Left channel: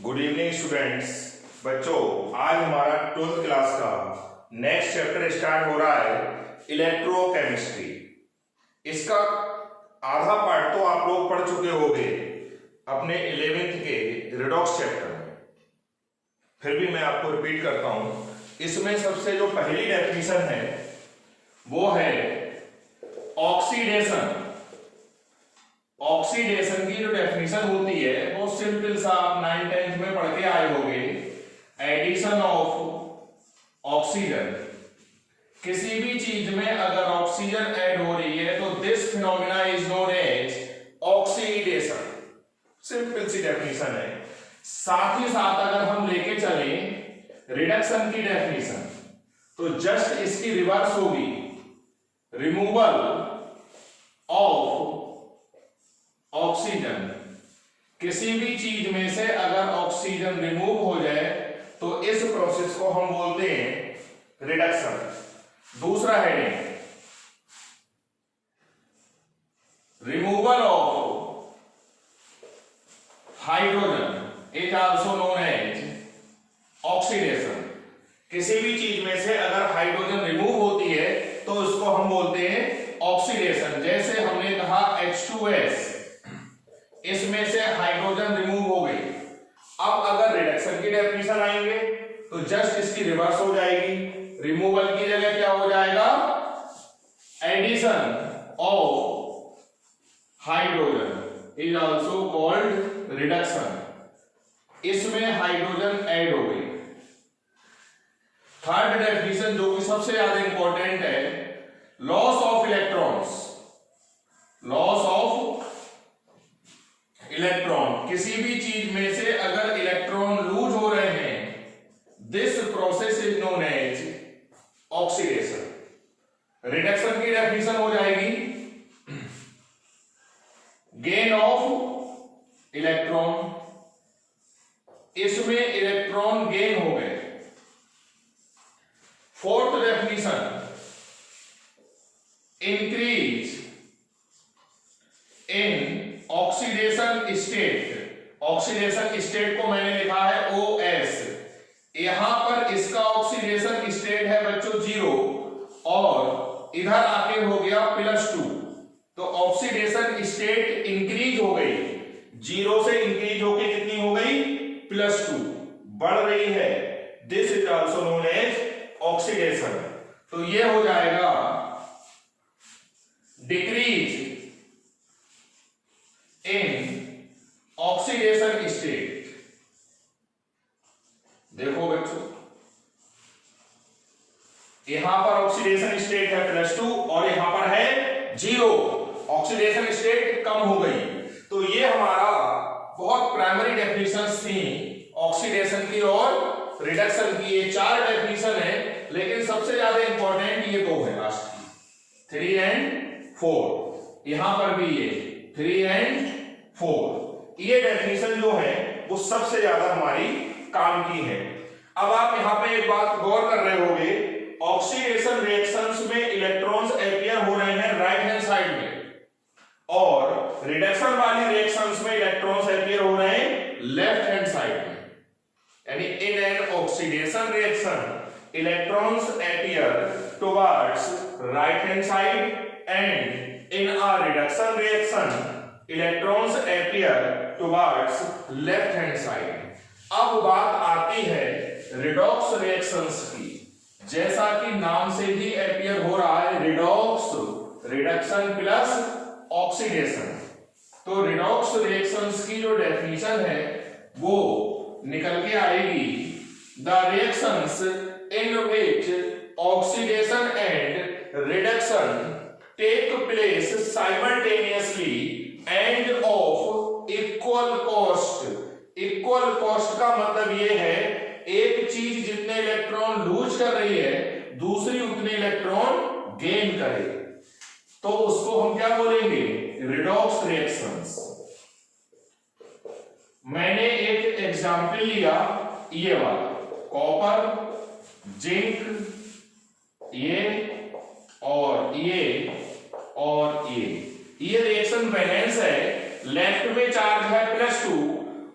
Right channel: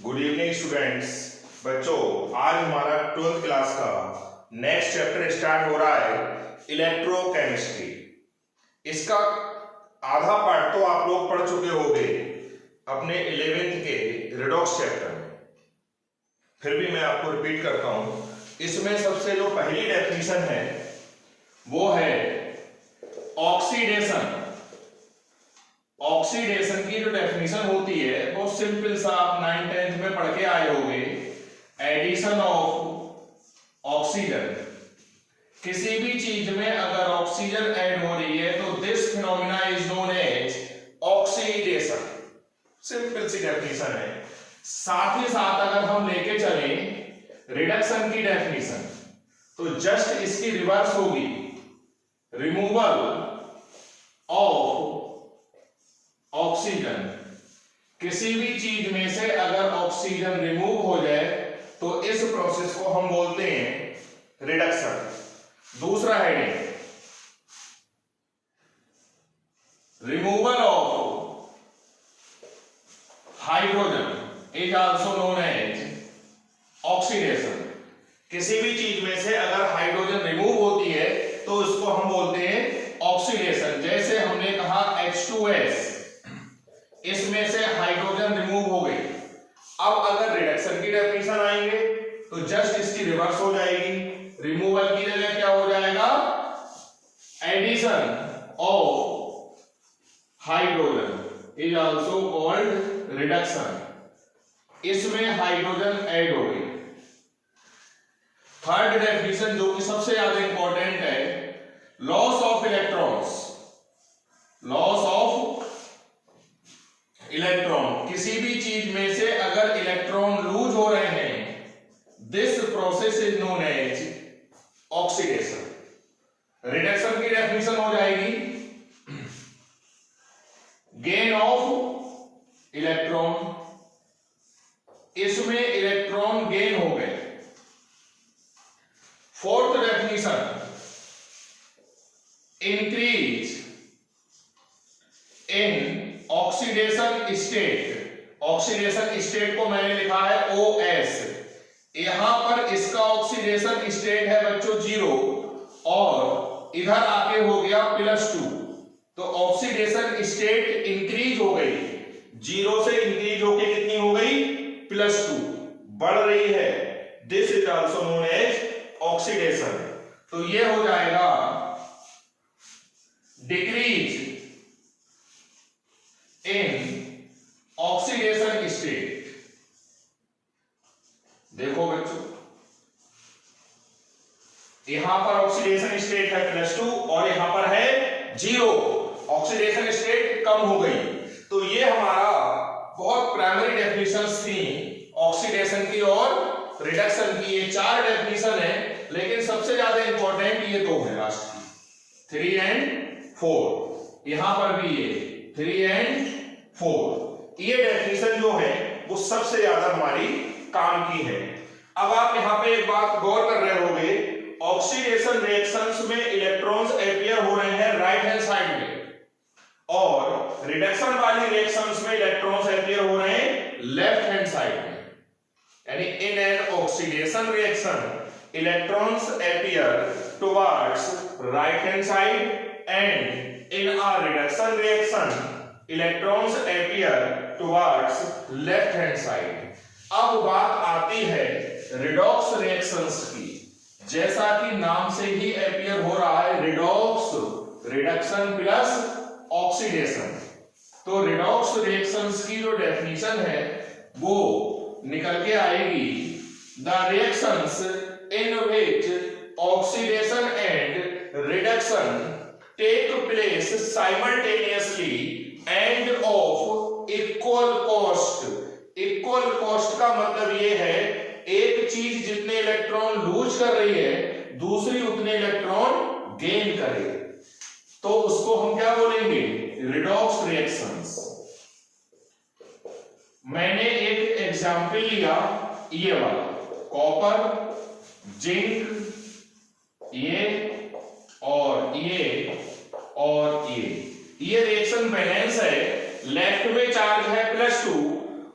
Good evening students. बच्चों, आज हमारा 12th क्लास का नेक्स्ट चैप्टर स्टार्ट हो रहा है, इलेक्ट्रोकेमिस्ट्री। इसका आधा पार्ट तो आप लोग पढ़ चुके होंगे अपने 11th के रिडॉक्स चैप्टर में। फिर भी मैं आपको रिपीट करता हूं। इसमें सबसे जो पहली डेफिनेशन है वो है ऑक्सीडेशन। ऑक्सीडेशन की जो डेफिनेशन होती है वो सिंपल सा आप 9th-10th में पढ़ के आए होंगे। एडिशन ऑफ ऑक्सीजन, किसी भी चीज में अगर ऑक्सीजन ऐड हो रही है तो this phenomena is known as oxidation. Simple सी डेफिनेशन है। साथ ही साथ अगर हम लेके चले रिडक्शन की डेफिनेशन तो जस्ट इसकी रिवर्स होगी, रिमूवल ऑफ ऑक्सीजन। किसी भी चीज में से अगर ऑक्सीजन रिमूव हो जाए तो इस प्रोसेस को हम बोलते हैं रिडक्शन। दूसरा heading, removal of hydrogen is also known as oxidation. किसी भी चीज में से अगर हाइड्रोजन रिमूव होती है तो उसको हम बोलते हैं ऑक्सीडेशन। जैसे हमने कहा H2S, इसमें से हाइड्रोजन रिमूव हो गई। अब अगर रिडक्शन की डेफिनेशन आएंगे तो जस्ट इसकी रिवर्स हो जाएगी। रिमूवल की जगह क्या हो जाएगा, addition of hydrogen is also called reduction. इसमें हाइड्रोजन ऐड हो गई। थर्ड डेफिनेशन जो कि सबसे ज्यादा इंपॉर्टेंट है, loss of electrons. Loss of electron, किसी भी चीज में से अगर इलेक्ट्रॉन लूज हो रहे हैं, this process is known as oxidation. Reduction की डेफिनेशन हो जाएगी, गेन ऑफ इलेक्ट्रॉन। इसमें इलेक्ट्रॉन गेन हो गए। Fourth definition, increase in oxidation state. Oxidation state को मैंने लिखा है OS। यहां पर इसका ऑक्सीडेशन स्टेट है बच्चों 0 और इधर आके हो गया +2। तो ऑक्सीडेशन स्टेट इंक्रीज हो गई, 0 से इंक्रीज होके कितनी हो गई, +2 बढ़ रही है। This is also known as oxidation. तो ये हो जाएगा डिक्रीज इन ऑक्सीडेशन स्टेट। देखो बच्चों, यहां पर ऑक्सीडेशन स्टेट है +2 और यहां पर है 0। ऑक्सीडेशन स्टेट कम हो गई। तो ये हमारा बहुत प्राइमरी डेफिनेशंस थी ऑक्सीडेशन की और रिडक्शन की। ये 4 डेफिनेशन है, लेकिन सबसे ज्यादा इंपॉर्टेंट ये 2 है लास्ट की, 3 और 4। यहां पर भी ये 3 और 4। ये डेफिनेशन जो है वो सबसे ज्यादा हमारी काम की है। अब आप यहां पे एक बात गौर कर रहे होंगे, ऑक्सीडेशन रिएक्शंस में इलेक्ट्रॉन्स अपीयर हो रहे हैं राइट हैंड साइड में और रिडक्शन वाली रिएक्शंस में इलेक्ट्रॉन्स अपीयर हो रहे हैं लेफ्ट हैंड साइड में। यानी in an oxidation reaction electrons appear towards right hand side and in a reduction reaction electrons appear towards left hand side। अब बात आती है redox reactions की। जैसा कि नाम से ही appear हो रहा है redox, reduction plus oxidation। तो redox reactions की जो definition है वो निकल के आएगी, the reactions in which oxidation and reduction take place simultaneously and of equal cost। equal cost का मतलब ये है, एक चीज जितने इलेक्ट्रॉन लूज कर रही है दूसरी उतने इलेक्ट्रॉन गेन करे, तो उसको हम क्या बोलेंगे, रिडॉक्स रिएक्शंस। मैंने एक एग्जाम्पल लिया ये वाला, कॉपर, जिंक, ये और ये रिएक्शन बैलेंस है। लेफ्ट में चार्ज है +2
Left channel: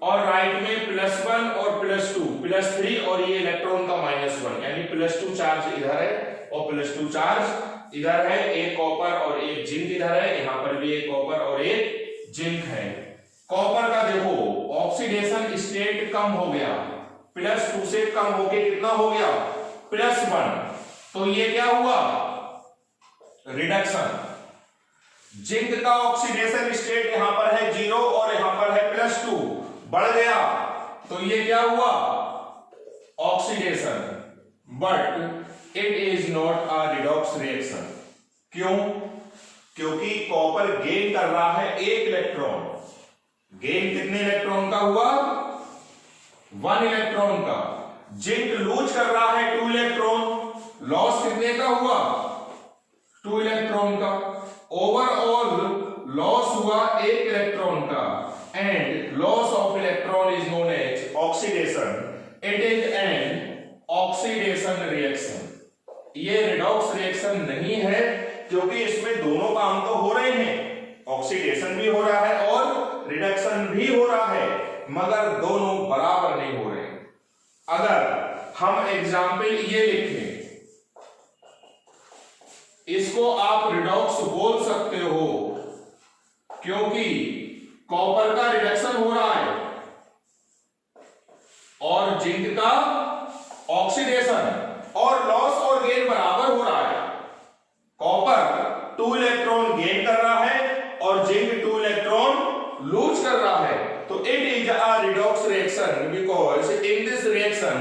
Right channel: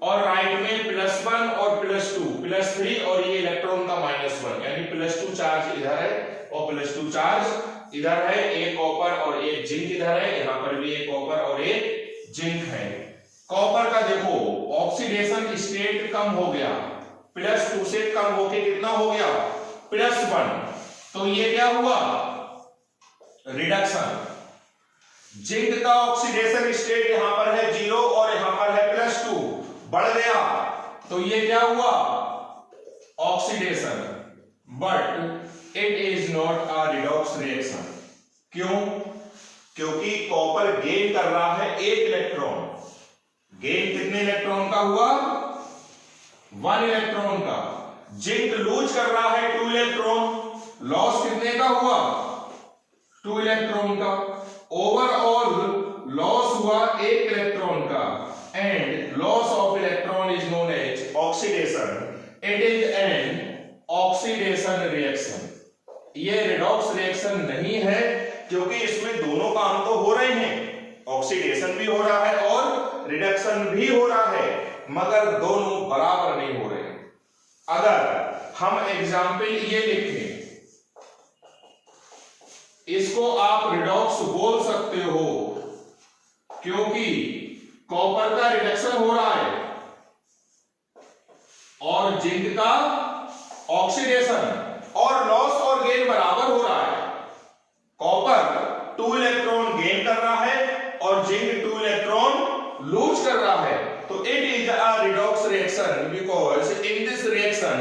और राइट में +1 और +2 +3 और ये इलेक्ट्रॉन का -1, यानी +2 चार्ज इधर है और +2 चार्ज इधर है। एक कॉपर और एक जिंक इधर है, यहाँ पर भी एक कॉपर और एक जिंक है। कॉपर का देखो ऑक्सीडेशन स्टेट कम हो गया, +2 से कम होके कितना हो गया +1, तो ये क्या हुआ रिडक्शन। जिंक का ऑक्सीडेशन स्टेट यहां पर है 0 और यहां पर है +2, बढ़ गया, तो ये क्या हुआ oxidation, but it is not a redox reaction. क्यों? क्योंकि कॉपर गेन कर रहा है 1 इलेक्ट्रॉन। गेन कितने इलेक्ट्रॉन का हुआ 1 इलेक्ट्रॉन का। जिंक लूज कर रहा है 2 इलेक्ट्रॉन, लॉस कितने का हुआ 2 इलेक्ट्रॉन का। ओवरऑल लॉस हुआ 1 इलेक्ट्रॉन का, and loss of electron is known as oxidation. It is an oxidation reaction. ये रिडॉक्स रिएक्शन नहीं है, क्योंकि इसमें दोनों काम तो हो रहे हैं, ऑक्सीडेशन भी हो रहा है और रिडक्शन भी हो रहा है, मगर दोनों बराबर नहीं हो रहे हैं। अगर हम एग्जाम्पल ये लिखें, इसको आप रिडॉक्स बोल सकते हो, क्योंकि कॉपर का रिडक्शन हो रहा है और जिंक का ऑक्सीडेशन, और लॉस और गेन बराबर हो रहा है। कॉपर 2 इलेक्ट्रॉन गेन कर रहा है और जिंक 2 इलेक्ट्रॉन लूज कर रहा है, तो it is a redox reaction because in this reaction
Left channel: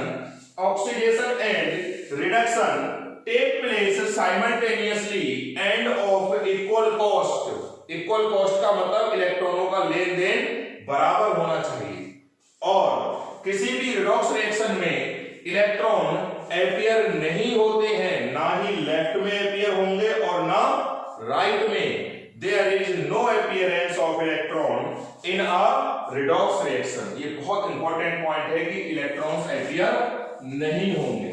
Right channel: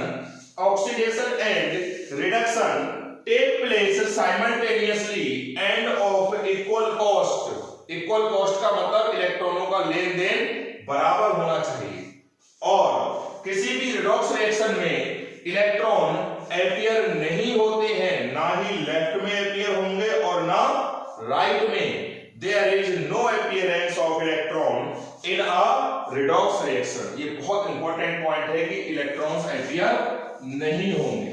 oxidation and reduction take place simultaneously and of equal cost. Equal cost का मतलब इलेक्ट्रॉनों का लेन देन बराबर होना चाहिए, और किसी भी रिडॉक्स रिएक्शन में इलेक्ट्रॉन अपीयर नहीं होते हैं, ना ही लेफ्ट में अपीयर होंगे और ना राइट में। There is no appearance of electron in a redox reaction. ये बहुत इंपॉर्टेंट पॉइंट है कि इलेक्ट्रॉन्स अपीयर नहीं होंगे।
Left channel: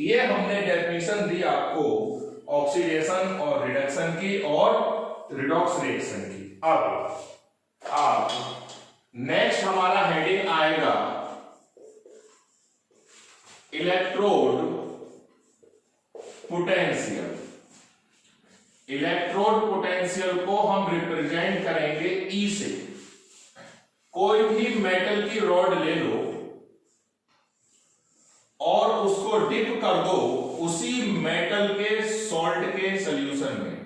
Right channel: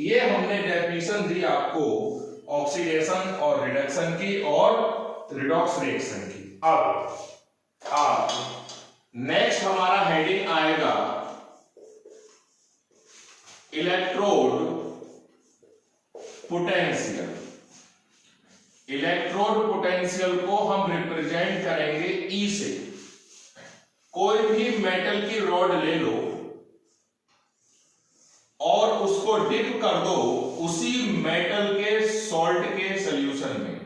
ये हमने डेफिनेशन दी आपको ऑक्सीडेशन और रिडक्शन की और रिडॉक्स रिएक्शन की। अब नेक्स्ट हमारा हेडिंग आएगा इलेक्ट्रोड पोटेंशियल। इलेक्ट्रोड पोटेंशियल को हम रिप्रेजेंट करेंगे ई से। कोई भी मेटल की रॉड ले लो और उसको डिप कर दो उसी मेटल के सॉल्ट के सॉल्यूशन में।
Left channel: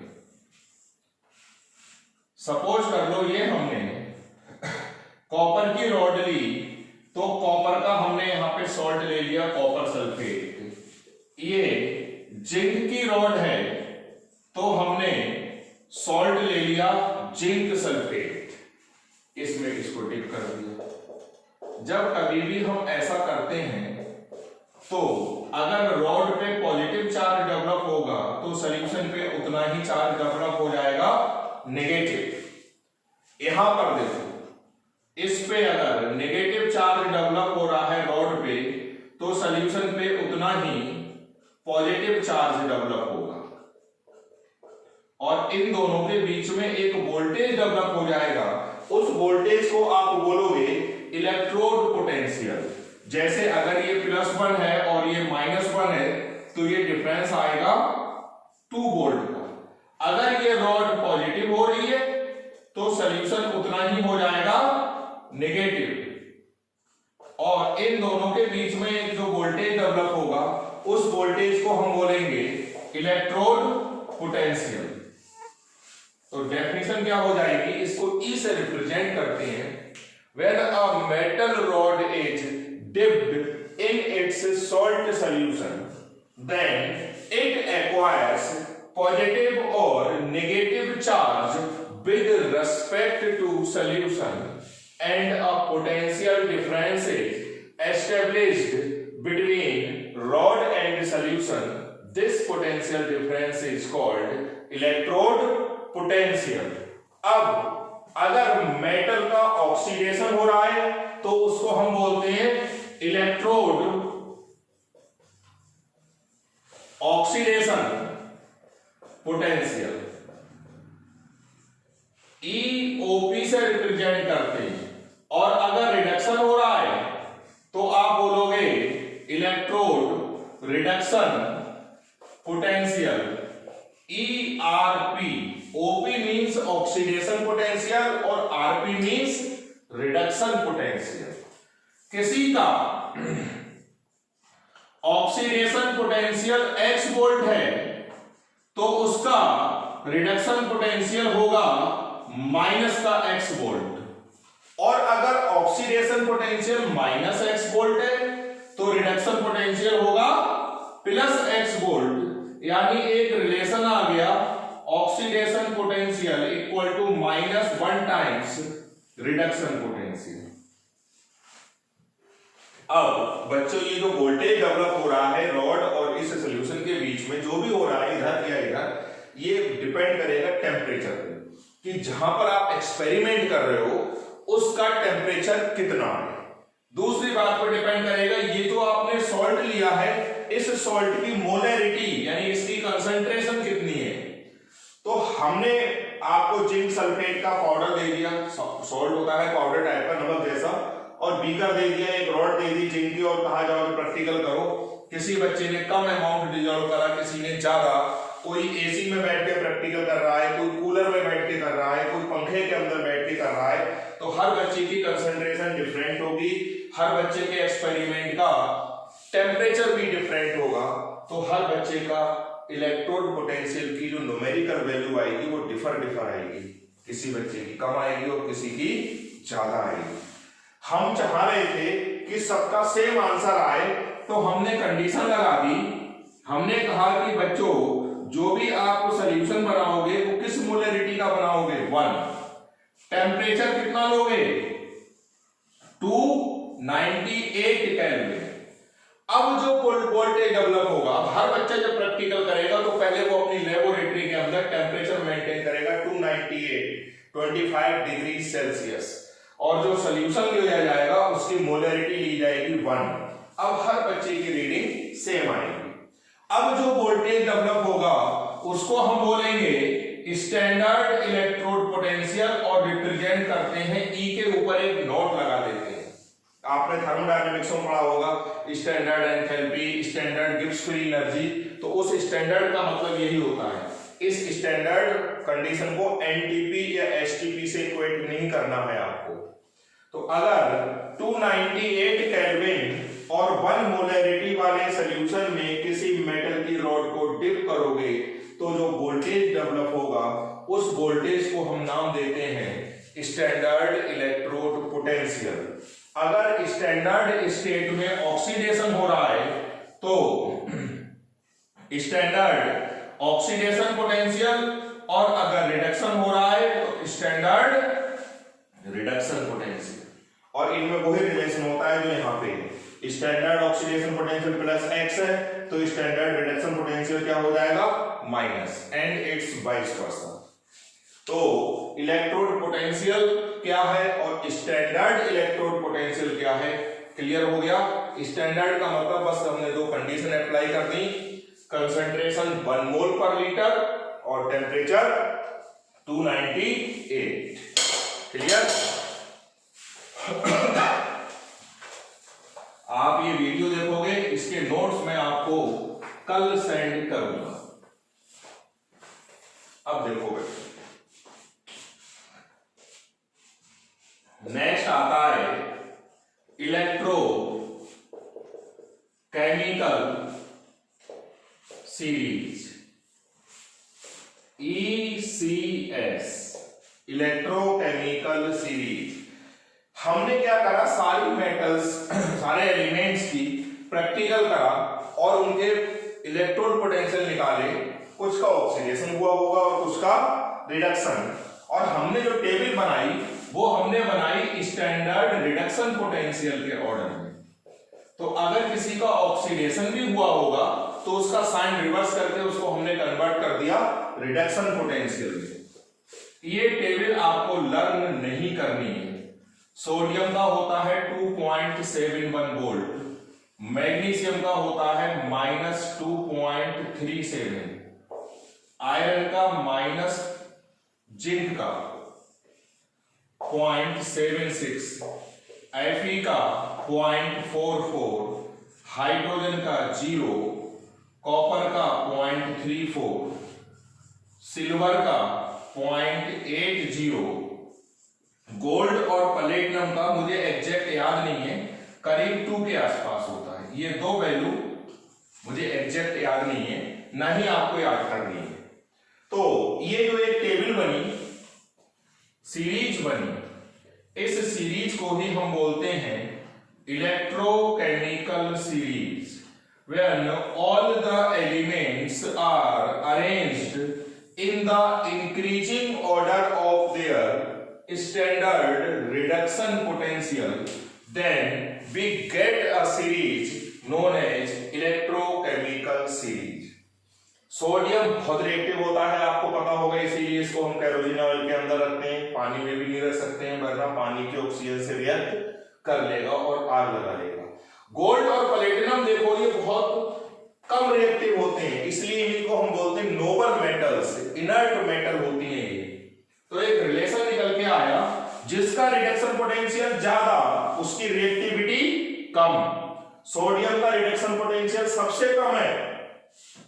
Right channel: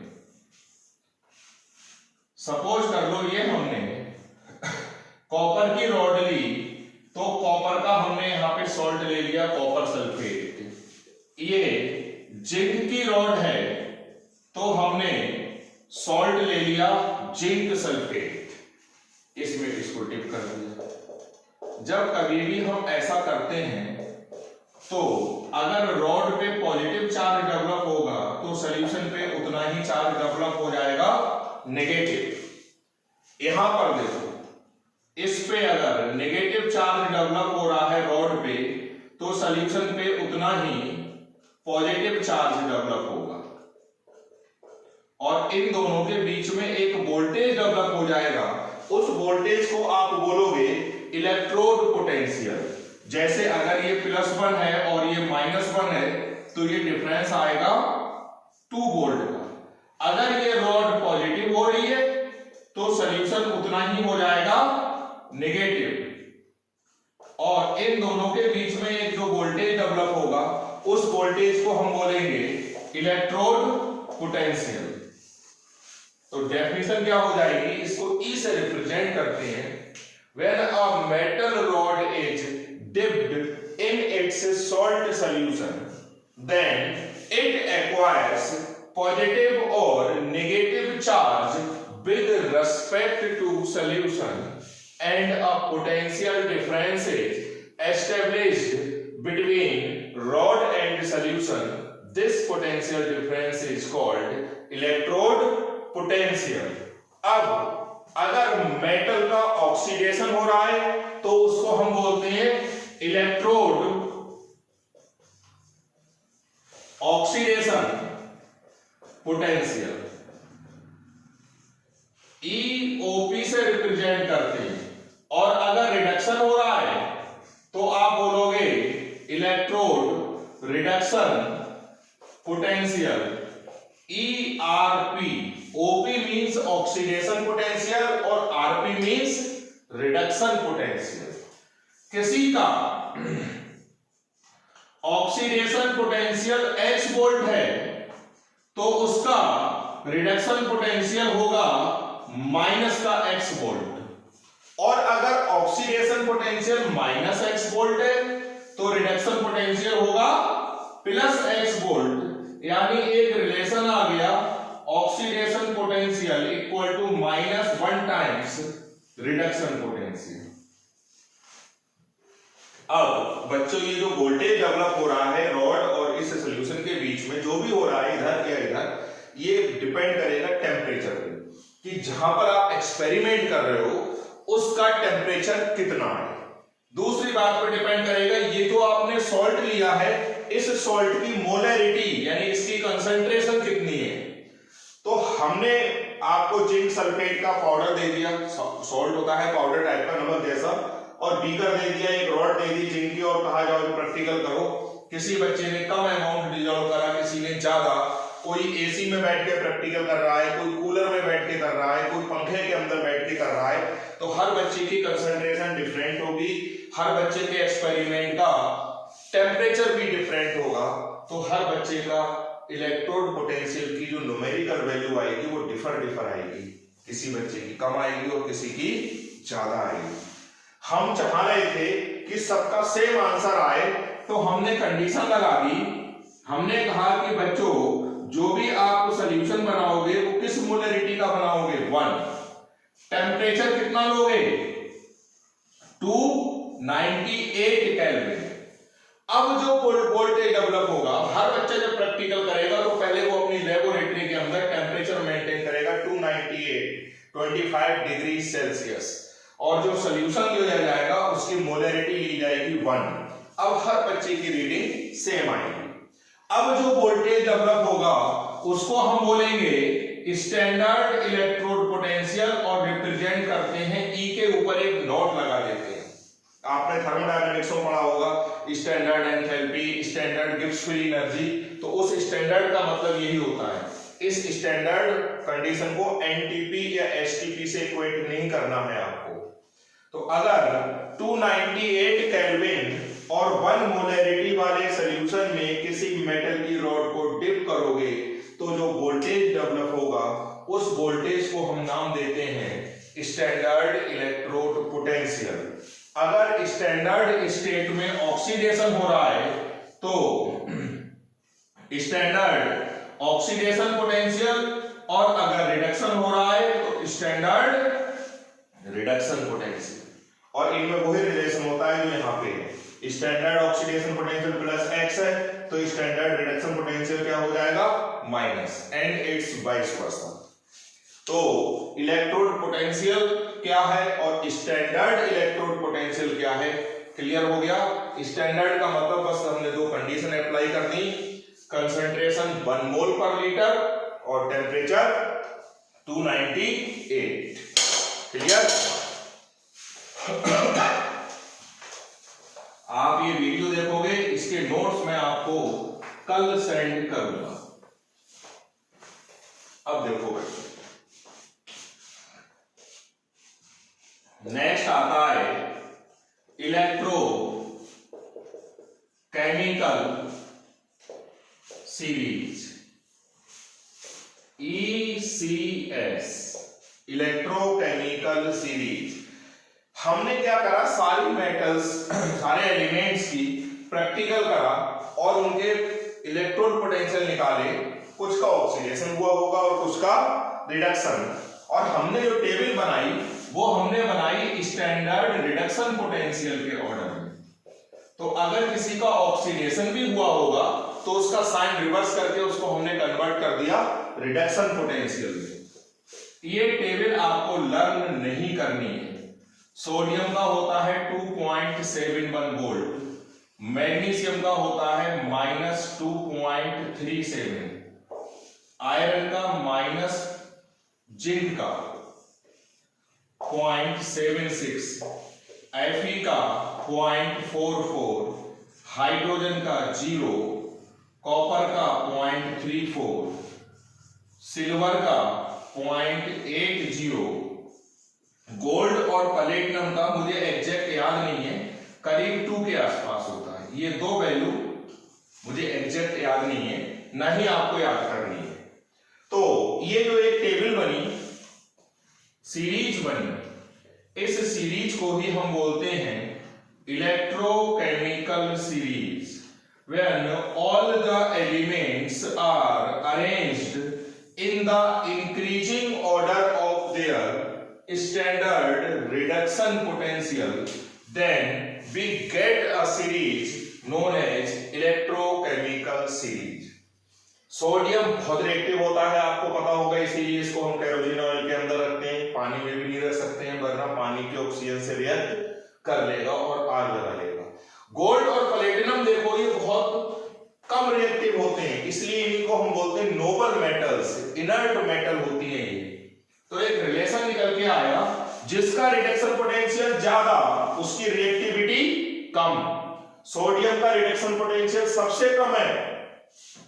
सपोज कर लो ये हमने कॉपर की रॉड ली, तो कॉपर का हमने यहां पे सॉल्ट ले लिया कॉपर सल्फेट। ये जिंक की रॉड है तो हमने सॉल्ट ले लिया जिंक सल्फेट, इसमें इसको डिप कर दिया। जब कभी भी हम ऐसा करते हैं तो अगर रॉड पे पॉजिटिव चार्ज डेवलप होगा तो सॉल्यूशन पे उतना ही चार्ज डेवलप हो जाएगा नेगेटिव। यहां पर देखो, इस पे अगर नेगेटिव चार्ज डेवलप हो रहा है रॉड पे, तो सॉल्यूशन पे उतना ही पॉजिटिव चार्ज डेवलप होगा, और इन दोनों के बीच में एक वोल्टेज डेवलप हो जाएगा। उस वोल्टेज को आप बोलोगे इलेक्ट्रोड पोटेंशियल। जैसे अगर ये +1 है और ये -1 है, तो ये डिफरेंस आएगा 2 वोल्ट का। अगर ये रॉड पॉजिटिव हो रही है तो सॉल्यूशन उतना ही हो जाएगा नेगेटिव, और इन दोनों के बीच में एक जो वोल्टेज डेवलप होगा उस वोल्टेज को हम बोलेंगे इलेक्ट्रोड पोटेंशियल। तो डेफिनेशन क्या हो जाएगी, इसको ई से रिप्रेजेंट करते हैं। When a metal rod is dipped in its salt solution, then it acquires positive or negative charge with respect to solution, and a potential difference is established between rod and solution. This potential difference is called electrode potential. अब अगर metal का oxidation हो रहा है तो उसको हम बोलते हैं इलेक्ट्रोड ऑक्सीडेशन पोटेंशियल। ईओपी से रिप्रेजेंट करते हैं। और अगर रिडक्शन हो रहा है reduction potential ERP, OP means oxidation potential और RP मींस रिडक्शन पोटेंशियल। किसी का ऑक्सीडेशन पोटेंशियल X वोल्ट है तो उसका रिडक्शन पोटेंशियल होगा माइनस का X वोल्ट, और अगर oxidation potential minus X volt है तो रिडक्शन पोटेंशियल होगा प्लस X वोल्ट। यानी एक रिलेशन आ गया, oxidation potential equal to -1 times reduction potential. अब बच्चों ये जो वोल्टेज डेवलप हो रहा है रॉड और इस सॉल्यूशन के बीच में, जो भी हो रहा है इधर या इधर, ये डिपेंड करेगा टेम्परेचर पे, कि जहां पर आप एक्सपेरिमेंट कर रहे हो उसका टेम्परेचर कितना है। दूसरी बात पर डिपेंड करेगा, ये जो आपने सॉल्ट लिया है इस सॉल्ट की मोलरिटी यानी इसकी कंसंट्रेशन कितनी है। तो हमने आपको जिंक सल्फेट का पाउडर दे दिया, सॉल्ट होता है पाउडर टाइप का नमक जैसा, और बीकर दे दिया, एक रॉड दे दी जिंक की, और कहा जाओ प्रैक्टिकल करो। किसी बच्चे ने कम अमाउंट डिजॉल्व करा, किसी ने ज्यादा, कोई एसी में बैठ के प्रैक्टिकल कर रहा है, कोई कूलर में बैठ के कर रहा है, कोई पंखे के अंदर बैठ के कर रहा है, तो हर बच्चे की कंसंट्रेशन डिफरेंट होगी, हर बच्चे के एक्सपेरिमेंट का टेम्परेचर भी डिफरेंट होगा, तो हर बच्चे का इलेक्ट्रोड पोटेंशियल की जो न्यूमेरिकल वैल्यू आएगी वो डिफर आएगी, किसी बच्चे की कम आएगी और किसी की ज्यादा आएगी। हम चाह रहे थे कि सबका सेम आंसर आए, तो हमने कंडीशन लगा दी, हमने कहा कि बच्चों जो भी आप सॉल्यूशन बनाओगे वो किस मोलरिटी का बनाओगे, 1। टेम्परेचर कितना लोगे, 298 केल्विन। अब जो वोल्टेज डेवलप होगा, हर बच्चा जब प्रैक्टिकल करेगा तो पहले वो अपनी लेबोरेटरी के अंदर टेम्परेचर मेंटेन करेगा 25 डिग्री सेल्सियस, और जो सॉल्यूशन लिया जाएगा उसकी मोलरिटी ली जाएगी 1। अब हर बच्चे की रीडिंग सेम आएगी। अब जो वोल्टेज डेवलप होगा उसको हम बोलेंगे स्टैंडर्ड इलेक्ट्रोड पोटेंशियल, और रिप्रेजेंट करते हैं ई के ऊपर एक नोट लगा देते हैं। आपने थर्मोडायनामिक्स में पढ़ा होगा standard enthalpy, standard Gibbs free energy, तो उस स्टैंडर्ड का मतलब यही होता है। इस स्टैंडर्ड कंडीशन को एनटीपी या एसटीपी से इक्वेट नहीं करना है आपको। तो अगर 298 केल्विन और 1 मोलरिटी वाले सॉल्यूशन में किसी मेटल की रॉड को डिप करोगे तो जो वोल्टेज डेवलप होगा उस वोल्टेज को हम नाम देते हैं स्टैंडर्ड इलेक्ट्रोड पोटेंशियल। अगर स्टैंडर्ड स्टेट में ऑक्सीडेशन हो रहा है तो स्टैंडर्ड ऑक्सीडेशन पोटेंशियल, और अगर रिडक्शन हो रहा है तो स्टैंडर्ड रिडक्शन पोटेंशियल। और इनमें वही रिलेशन होता है जो यहाँ पे standard oxidation potential plus x है तो स्टैंडर्ड रिडक्शन पोटेंशियल क्या हो जाएगा, minus, and it's vice versa. तो इलेक्ट्रोड पोटेंशियल क्या है और स्टैंडर्ड इलेक्ट्रोड पोटेंशियल क्या है, क्लियर हो गया। स्टैंडर्ड का मतलब बस हमने 2 कंडीशन अप्लाई कर दी, कंसंट्रेशन 1 मोल पर लीटर और टेम्परेचर 298, क्लियर। आप ये वीडियो देखोगे, इसके नोट्स मैं आपको कल सेंड करूंगा। अब देखो बच्चों, नेक्स्ट आता है electro chemical series, ECS, electrochemical series. हमने क्या करा, सारी मेटल्स सारे एलिमेंट्स की प्रैक्टिकल करा और उनके इलेक्ट्रोड पोटेंशियल निकाले, कुछ का ऑक्सीडेशन हुआ होगा और कुछ का रिडक्शन, और हमने जो टेबल बनाई वो हमने बनाई स्टैंडर्ड रिडक्शन पोटेंशियल के ऑर्डर में। तो अगर किसी का ऑक्सीडेशन भी हुआ होगा तो उसका साइन रिवर्स करके उसको हमने कन्वर्ट कर दिया रिडक्शन पोटेंशियल में। ये टेबल आपको लर्न नहीं करनी है। सोडियम का होता है 2.71 वोल्ट, मैग्नीशियम का होता है -2.37, आयरन का माइनस, जिंक का 0.76, Fe का 0.44, हाइड्रोजन का 0, कॉपर का 0.34, सिल्वर का 0.80, गोल्ड और प्लेटिनम का मुझे एग्जैक्ट याद नहीं है, करीब 2 के आसपास होता है। ये दो वैल्यू मुझे एग्जैक्ट याद नहीं है, ना ही आपको याद करनी है। तो ये जो एक टेबल बनी, सीरीज बनी, इस सीरीज को ही हम बोलते हैं electrochemical series, when all the elements are arranged in the increasing order of their standard reduction potential, then we get a series known as electrochemical series. Sodium बहुत रिएक्टिव होता है, आपको पता होगा। इस सीरीज को हम केरोसिन ऑयल के अंदर रखते हैं, पानी में भी नहीं रख सकते हैं वरना पानी के ऑक्सीजन से रिएक्ट कर लेगा और आग लगा लेगा। गोल्ड और प्लेटिनम देखो ये बहुत कम रिएक्टिव होते हैं, इसलिए इनको हम बोलते हैं नोबल मेटल्स, इनर्ट मेटल होती है ये। तो एक रिलेशन निकल के आया, जिसका रिडक्शन पोटेंशियल ज्यादा उसकी रिएक्टिविटी कम। सोडियम का रिडक्शन पोटेंशियल सबसे कम है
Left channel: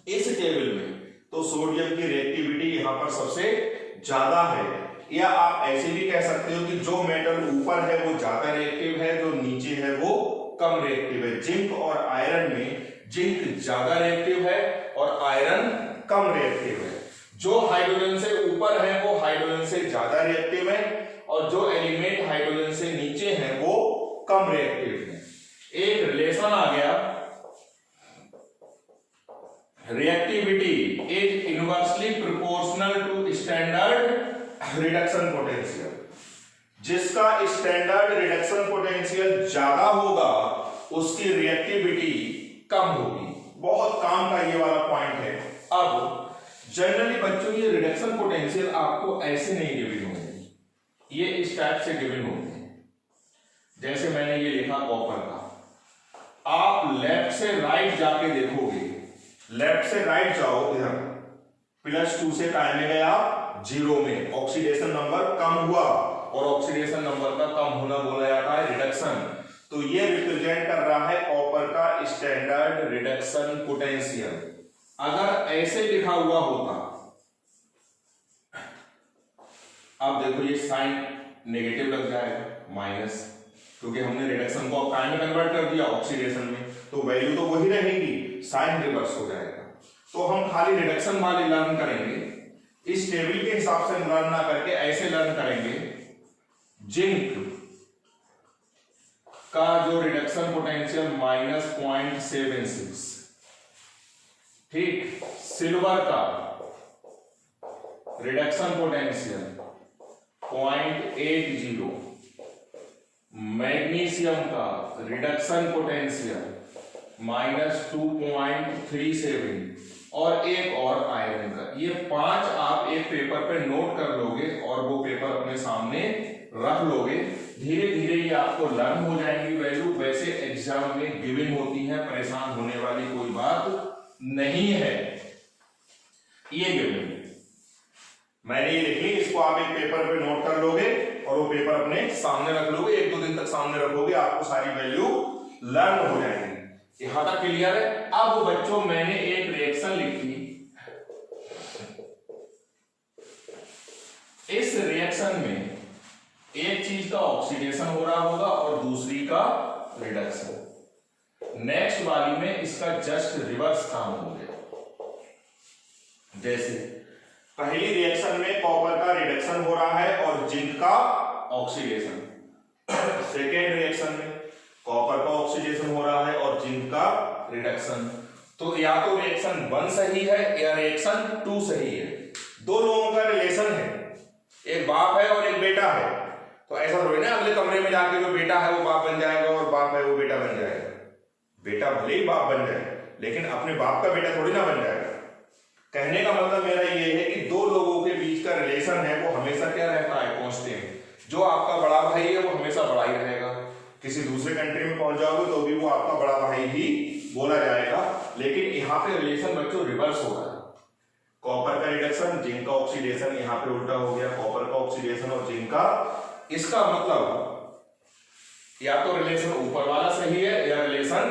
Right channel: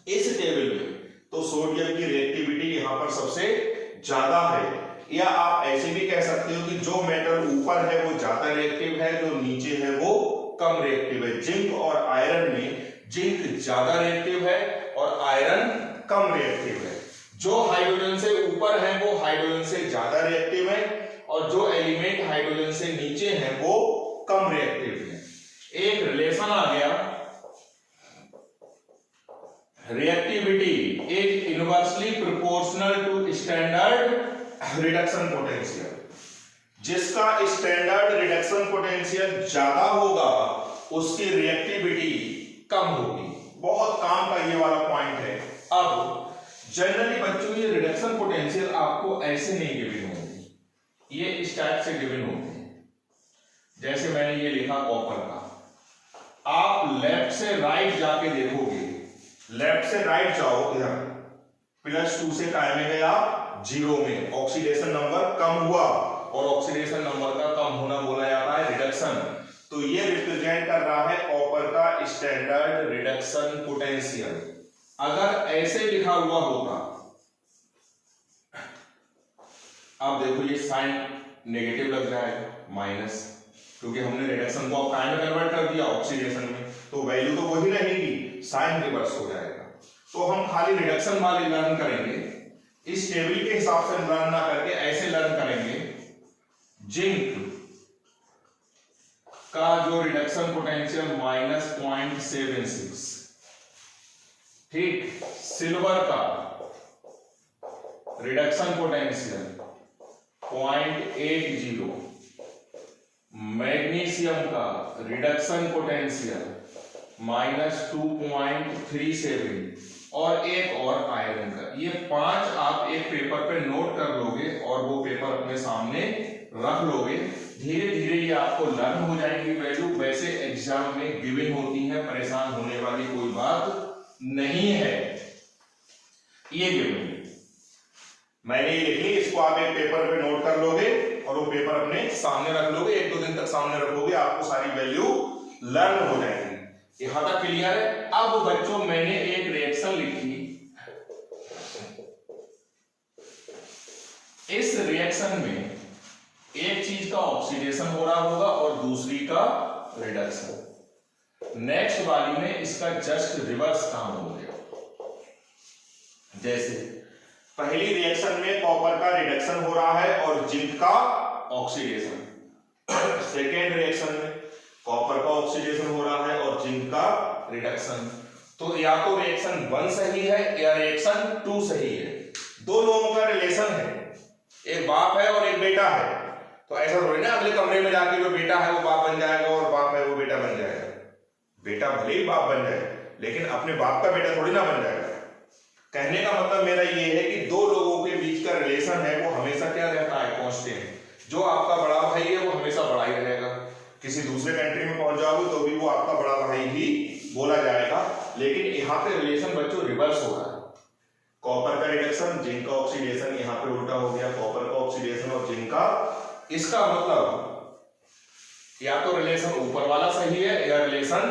इस टेबल में, तो सोडियम की रिएक्टिविटी यहां पर सबसे ज्यादा है। या आप ऐसे भी कह सकते हो कि जो मेटल ऊपर है वो ज्यादा रिएक्टिव है, जो नीचे है वो कम रिएक्टिव है। जिंक और आयरन में जिंक ज्यादा रिएक्टिव है और आयरन कम रिएक्टिव है। जो हाइड्रोजन से ऊपर है वो हाइड्रोजन से ज्यादा रिएक्टिव है और जो एलिमेंट हाइड्रोजन से नीचे हैं वो कम रिएक्टिव है। एक रिलेशन आ गया, reactivity is inversely proportional to standard reduction potential. जिसका स्टैंडर्ड रिडक्शन पोटेंशियल ज्यादा होगा उसकी रिएक्टिविटी कम होगी। बहुत काम का ये वाला पॉइंट है। अब जनरली बच्चों ये रिडक्शन पोटेंशियल आपको ऐसे नहीं गिवन होंगे, ये इस टाइप से गिवन होते हैं। जैसे मैंने ये लिखा कॉपर का, आप लेफ्ट से राइट जाके देखोगे, लेफ्ट से राइट जाओ इधर, +2 से काय में गया 0 में, ऑक्सीडेशन नंबर कम हुआ और ऑक्सीडेशन नंबर का कम होना बोला जाता है रिडक्शन। तो ये रिप्रेजेंट कर रहा है कॉपर का स्टैंडर्ड रिडक्शन पोटेंशियल। अगर ऐसे लिखा हुआ होता, अब देखो ये साइन नेगेटिव लग जाएगा माइनस, क्योंकि हमने रिडक्शन को अब काय में कन्वर्ट कर दिया ऑक्सीडेशन में, तो वैल्यू तो वही रहेगी, साइन रिवर्स हो जाएगा। तो हम खाली रिडक्शन वाले लर्न करेंगे, इस टेबल के हिसाब से लर्न ना करके ऐसे लर्न करेंगे। जिंक का जो रिडक्शन पोटेंशियल -0.76, ठीक। सिल्वर का रिडक्शन पोटेंशियल 0.80, मैग्नीशियम का रिडक्शन पोटेंशियल -2.37 और एक और आयरन का। ये 5 आप एक पेपर पे नोट कर लोगे और वो पेपर अपने सामने रख लोगे। धीरे धीरे ये आपको लर्न हो जाएंगी वैल्यू। वैसे एग्जाम में गिवन होती है, परेशान होने वाली कोई बात नहीं है। ये गिवन मैंने ये लिखी, इसको आप एक पेपर पे नोट कर लोगे और वो पेपर अपने सामने रख लोगे। 1-2 दिन तक सामने रखोगे, आपको सारी वैल्यू लर्न हो जाएगी। यहां तक क्लियर है। अब बच्चों मैंने एक रिएक्शन लिखी, इस रिएक्शन में एक चीज का ऑक्सीडेशन हो रहा होगा और दूसरी का रिडक्शन। नेक्स्ट वाली में इसका जस्ट रिवर्स काम हो गया। जैसे पहली रिएक्शन में कॉपर का रिडक्शन हो रहा है और जिंक का ऑक्सीडेशन। सेकेंड रिएक्शन में कॉपर का ऑक्सीडेशन हो रहा है और जिंक का रिडक्शन। तो या तो रिएक्शन 1 सही है या रिएक्शन 2 सही है। दो लोगों का रिलेशन है, एक बाप है और एक बेटा है। तो ऐसा थोड़ी ना अगले कमरे में जाके जो बेटा है वो बाप बन जाएगा और बाप है वो बेटा बन जाएगा। बेटा भले ही बाप बन जाए लेकिन अपने बाप का बेटा थोड़ी ना बन जाएगा। कहने का मतलब मेरा ये है कि दो लोगों के बीच का रिलेशन है वो हमेशा क्या रहता है, कांस्टेंट। जो आपका बड़ा भाई है वो हमेशा बड़ा ही रहेगा। किसी दूसरे कंट्री में पहुंच जाओगे तो भी वो आपका बड़ा भाई ही बोला जाएगा। लेकिन यहाँ पे रिलेशन बच्चों रिवर्स हो रहा है। कॉपर का रिडक्शन, जिंक का ऑक्सीडेशन, यहाँ पे उल्टा हो गया, कॉपर का ऑक्सीडेशन और जिंक का। इसका मतलब या तो रिलेशन ऊपर वाला सही है या रिलेशन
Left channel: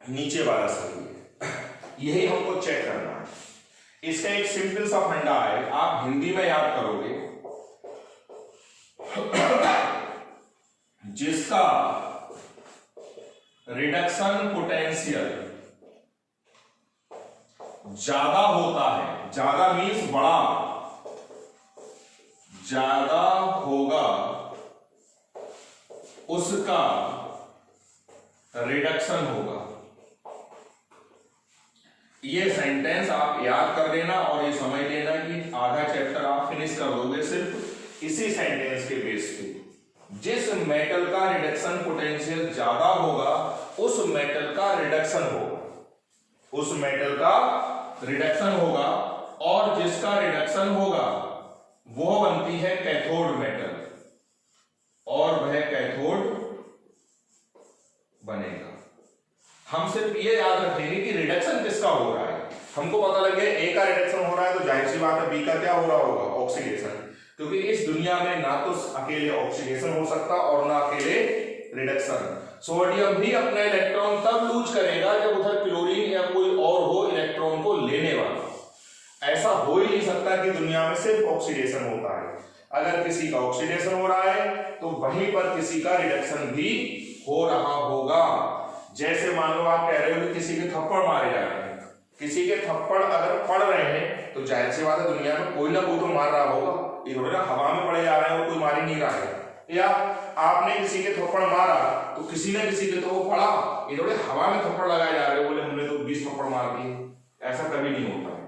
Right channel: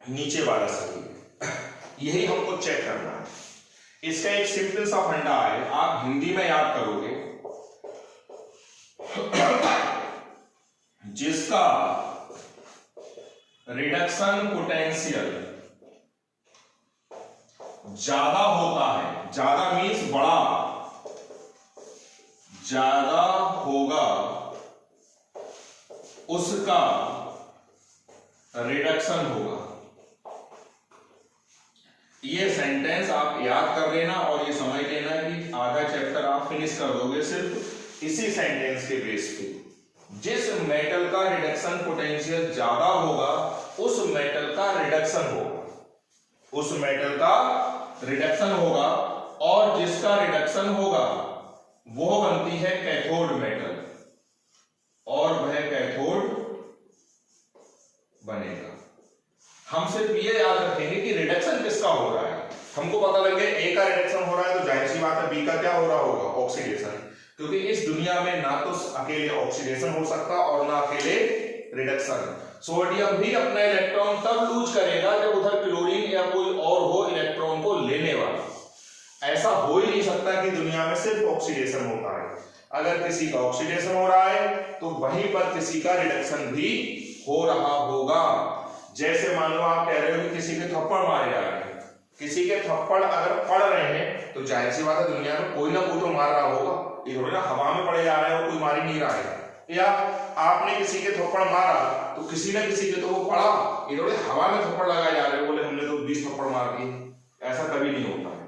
नीचे वाला सही है। यही हमको चेक करना है। इसका एक सिंपल सा फंडा है, आप हिंदी में याद करोगे, जिसका रिडक्शन पोटेंशियल ज्यादा होता है, ज्यादा मीन्स बड़ा, ज्यादा होगा, उसका रिडक्शन होगा। ये सेंटेंस आप याद कर लेना और ये समझ लेना कि आधा चैप्टर आप फिनिश कर दोगे सिर्फ इसी सेंटेंस के बेस पे। जिस मेटल का रिडक्शन पोटेंशियल ज्यादा होगा उस मेटल का रिडक्शन होगा, उस मेटल का रिडक्शन होगा, और जिसका रिडक्शन होगा वो बनती है कैथोड मेटल, और वह कैथोड बनेगा। हम सिर्फ ये याद रखेंगे कि रिडक्शन किसका हो रहा है। हमको पता लग गया ए का रिडक्शन हो रहा है तो जाहिर सी बात है बी का क्या हो रहा होगा, ऑक्सीडेशन, क्योंकि इस दुनिया में ना तो अकेले ऑक्सीडेशन हो सकता और ना अकेले रिडक्शन। सोडियम भी अपना इलेक्ट्रॉन तब लूज करेगा जब उधर क्लोरीन या कोई और हो इलेक्ट्रॉन को लेने वाला। ऐसा हो ही नहीं सकता कि दुनिया में सिर्फ ऑक्सीडेशन होता है। अगर किसी का ऑक्सीडेशन हो रहा है तो वहीं पर किसी का रिडक्शन भी हो रहा होगा। जैसे मान लो आप कह रहे हो कि किसी के थप्पड़ मारे जा रहे हैं, किसी के थप्पड़ अगर पड़ रहे हैं तो जाहिर सी बात है दुनिया में कोई ना कोई तो मार रहा होगा। ये थोड़ा ना हवा में पड़े जा रहे हैं और कोई मार ही नहीं रहा है, या आपने किसी के थप्पड़ मारा तो किसी ना किसी के तो वो पड़ा, ये थोड़े हवा में थप्पड़ लगाए जा रहे हो बोले हमने तो 20 थप्पड़ मार दिए, ऐसा कभी नहीं होता है।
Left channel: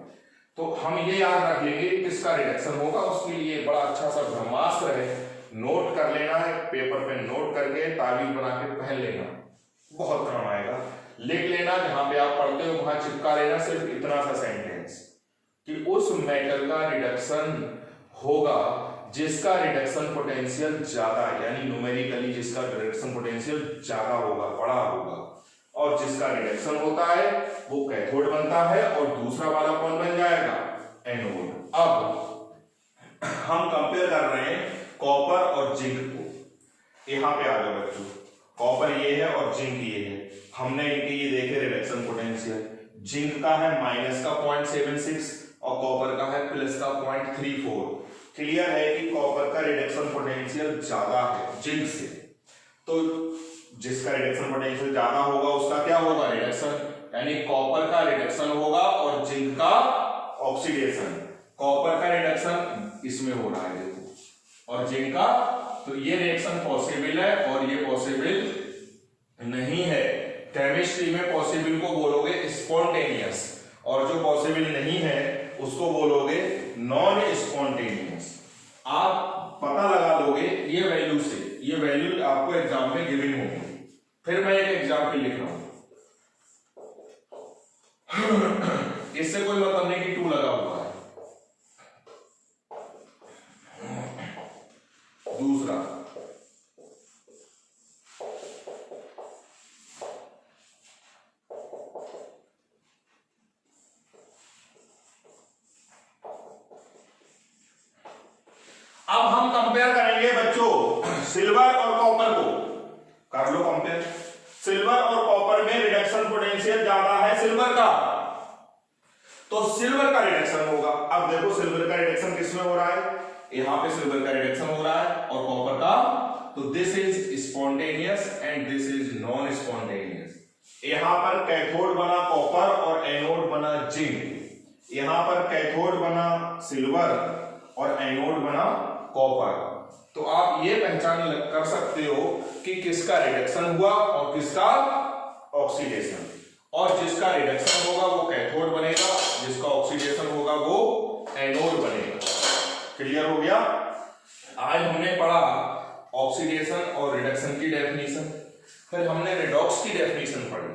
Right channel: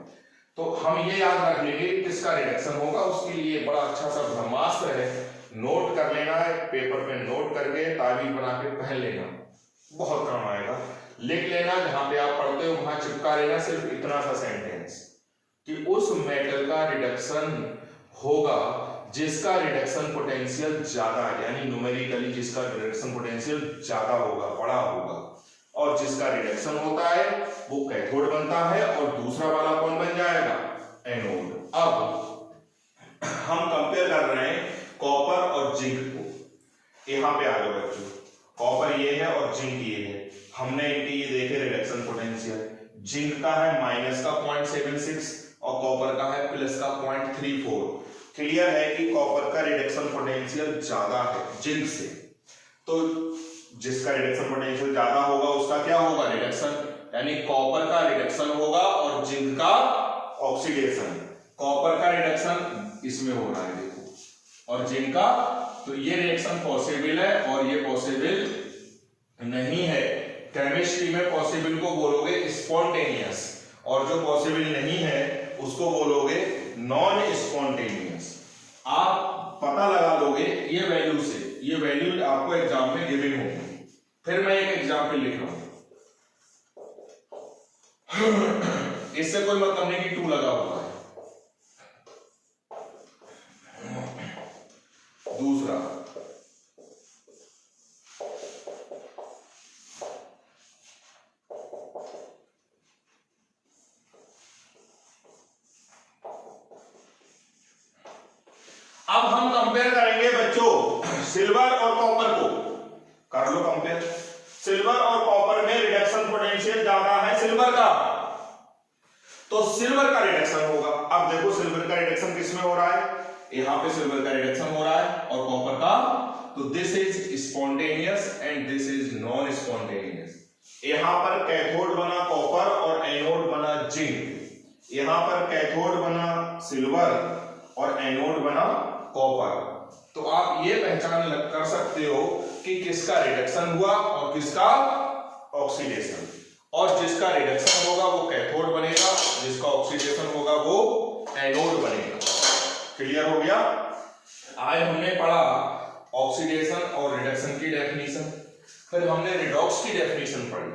तो हम ये याद रख लेंगे कि किसका रिडक्शन होगा। उसके लिए बड़ा अच्छा सा ब्रह्मास्त्र है, नोट कर लेना है, पेपर पे नोट करके ताबीज बना के पहन लेना, बहुत काम आएगा। लिख लेना, जहां पे आप पढ़ते हो वहां चिपका लेना सिर्फ इतना सा सेंटेंस कि उस मेटल का रिडक्शन होगा जिसका रिडक्शन पोटेंशियल ज्यादा, यानी न्यूमेरिकली जिसका रिडक्शन पोटेंशियल ज्यादा होगा, बड़ा होगा, और जिसका रिडक्शन होता है वो कैथोड बनता है और दूसरा वाला कौन बन जाएगा, एनोड। अब हम कंपेयर कर रहे हैं कॉपर और जिंक को। यहाँ पे आ जाओ बच्चों, कॉपर ये है और जिंक ये है। हमने इनके ये देखे रिडक्शन पोटेंशियल, जिंक का है माइनस का 0.76 और कॉपर का है प्लस का 0.34। क्लियर है कि कॉपर का रिडक्शन पोटेंशियल ज्यादा है जिंक से, तो जिसका रिडक्शन पोटेंशियल ज्यादा होगा उसका क्या होगा, रिडक्शन, यानी कॉपर का रिडक्शन होगा और जिंक का ऑक्सीडेशन। कॉपर का रिडक्शन इसमें हो रहा है देखो, और जिंक का, तो ये रिएक्शन पॉसिबल है और ये पॉसिबल नहीं है। केमिस्ट्री में पॉसिबल को बोलोगे स्पॉन्टेनियस और जो पॉसिबल नहीं है उसको बोलोगे नॉन स्पॉन्टेनियस। आप पता लगा लोगे ये वैल्यू से, ये वैल्यू आपको एग्जाम में गिवन होगी। फिर मैं एक एग्जाम्पल लिख रहा हूं, इससे कोई मतलब नहीं कि 2 लगा हुआ है। दूसरा, अब हम कंपेयर करेंगे बच्चों सिल्वर और कॉपर को। कर लो कंपेयर, सिल्वर और कॉपर में रिडक्शन पोटेंशियल ज्यादा है सिल्वर का, तो सिल्वर का रिडक्शन होगा। अब देखो सिल्वर का रिडक्शन किसमें हो रहा है, यहां पे सिल्वर का रिडक्शन हो रहा है और कॉपर का, तो this is spontaneous and this is non spontaneous. यहां पर कैथोड बना कॉपर और एनोड बना जिंक। यहां पर कैथोड बना सिल्वर और एनोड बना कॉपर। तो आप ये पहचान कर सकते हो कि किसका रिडक्शन हुआ और किसका ऑक्सीडेशन, और जिसका रिडक्शन होगा वो कैथोड बनेगा, जिसका ऑक्सीडेशन होगा वो एनोड बनेगा। क्लियर हो गया। आज हमने पढ़ा ऑक्सीडेशन और रिडक्शन की डेफिनेशन, फिर हमने रिडॉक्स की डेफिनेशन पढ़ी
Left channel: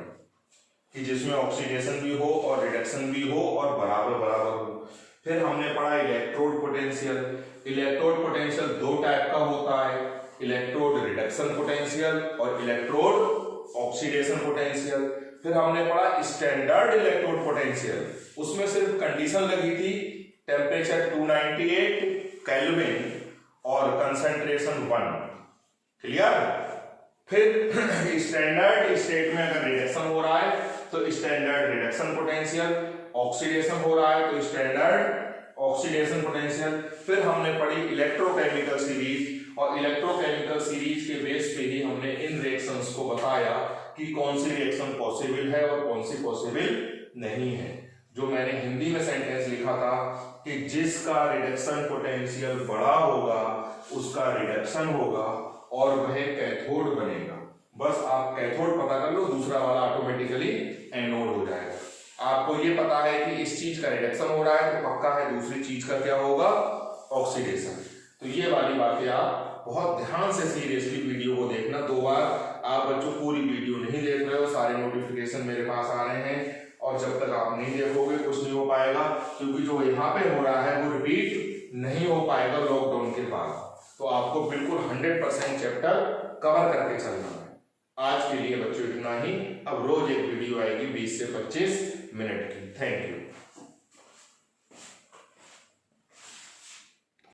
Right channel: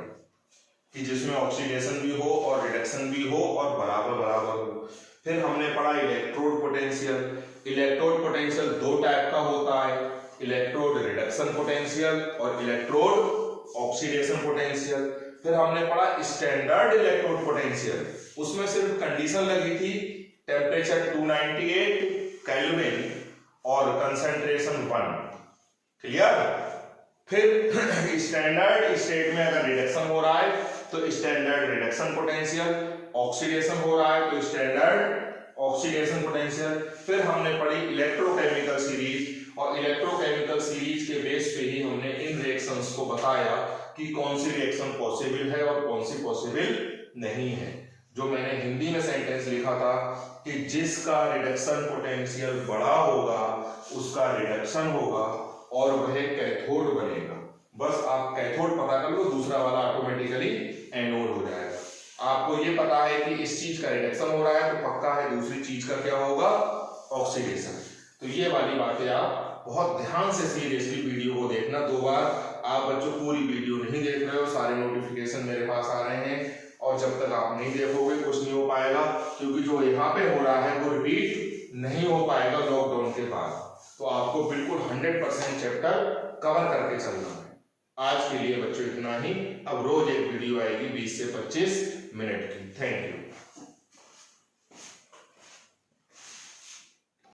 कि जिसमें ऑक्सीडेशन भी हो और रिडक्शन भी हो और बराबर बराबर हो। फिर हमने पढ़ा electrode potential. Electrode potential 2 type का होता है, इलेक्ट्रोड रिडक्शन पोटेंशियल और इलेक्ट्रोड ऑक्सीडेशन पोटेंशियल। फिर हमने पढ़ा स्टैंडर्ड इलेक्ट्रोड पोटेंशियल, उसमें सिर्फ कंडीशन लगी थी टेम्परेचर 298 केल्विन और कंसंट्रेशन 1। क्लियर। फिर स्टैंडर्ड स्टेट में अगर रिडक्शन हो रहा है तो स्टैंडर्ड रिडक्शन पोटेंशियल, ऑक्सीडेशन हो रहा है तो स्टैंडर्ड ऑक्सीडेशन पोटेंशियल। फिर हमने पढ़ी इलेक्ट्रोकेमिकल सीरीज, और इलेक्ट्रोकेमिकल सीरीज के बेस पे ही हमने इन रिएक्शंस को बताया कि कौन सी रिएक्शन पॉसिबल है और कौन सी पॉसिबल नहीं है। जो मैंने हिंदी में सेंटेंस लिखा था कि जिसका रिडक्शन पोटेंशियल बड़ा होगा उसका रिडक्शन होगा और वह कैथोड बनेगा। बस आप कैथोड पता कर लो, दूसरा वाला ऑटोमेटिकली एनोड हो जाएगा। आपको ये पता है कि इस चीज का रिडक्शन हो रहा है तो पक्का है दूसरी चीज का क्या होगा, ऑक्सीडेशन। तो ये वाली बातें आप बहुत ध्यान से सीरियसली वीडियो को देखना। 2 बार आप बच्चों पूरी वीडियो नहीं देख रहे हो, सारे नोटिफिकेशन मेरे पास आ रहे हैं और जब तक आप नहीं देखोगे कुछ नहीं हो पाएगा, क्योंकि जो यहाँ पे हो रहा है वो रिपीट नहीं हो पाएगा लॉकडाउन के बाद। तो आपको बिल्कुल 100% चैप्टर कवर करके चलना है। आज के लिए बच्चों इतना ही। अब रोज एक वीडियो आएगी 20 से 25 मिनट की। Thank you.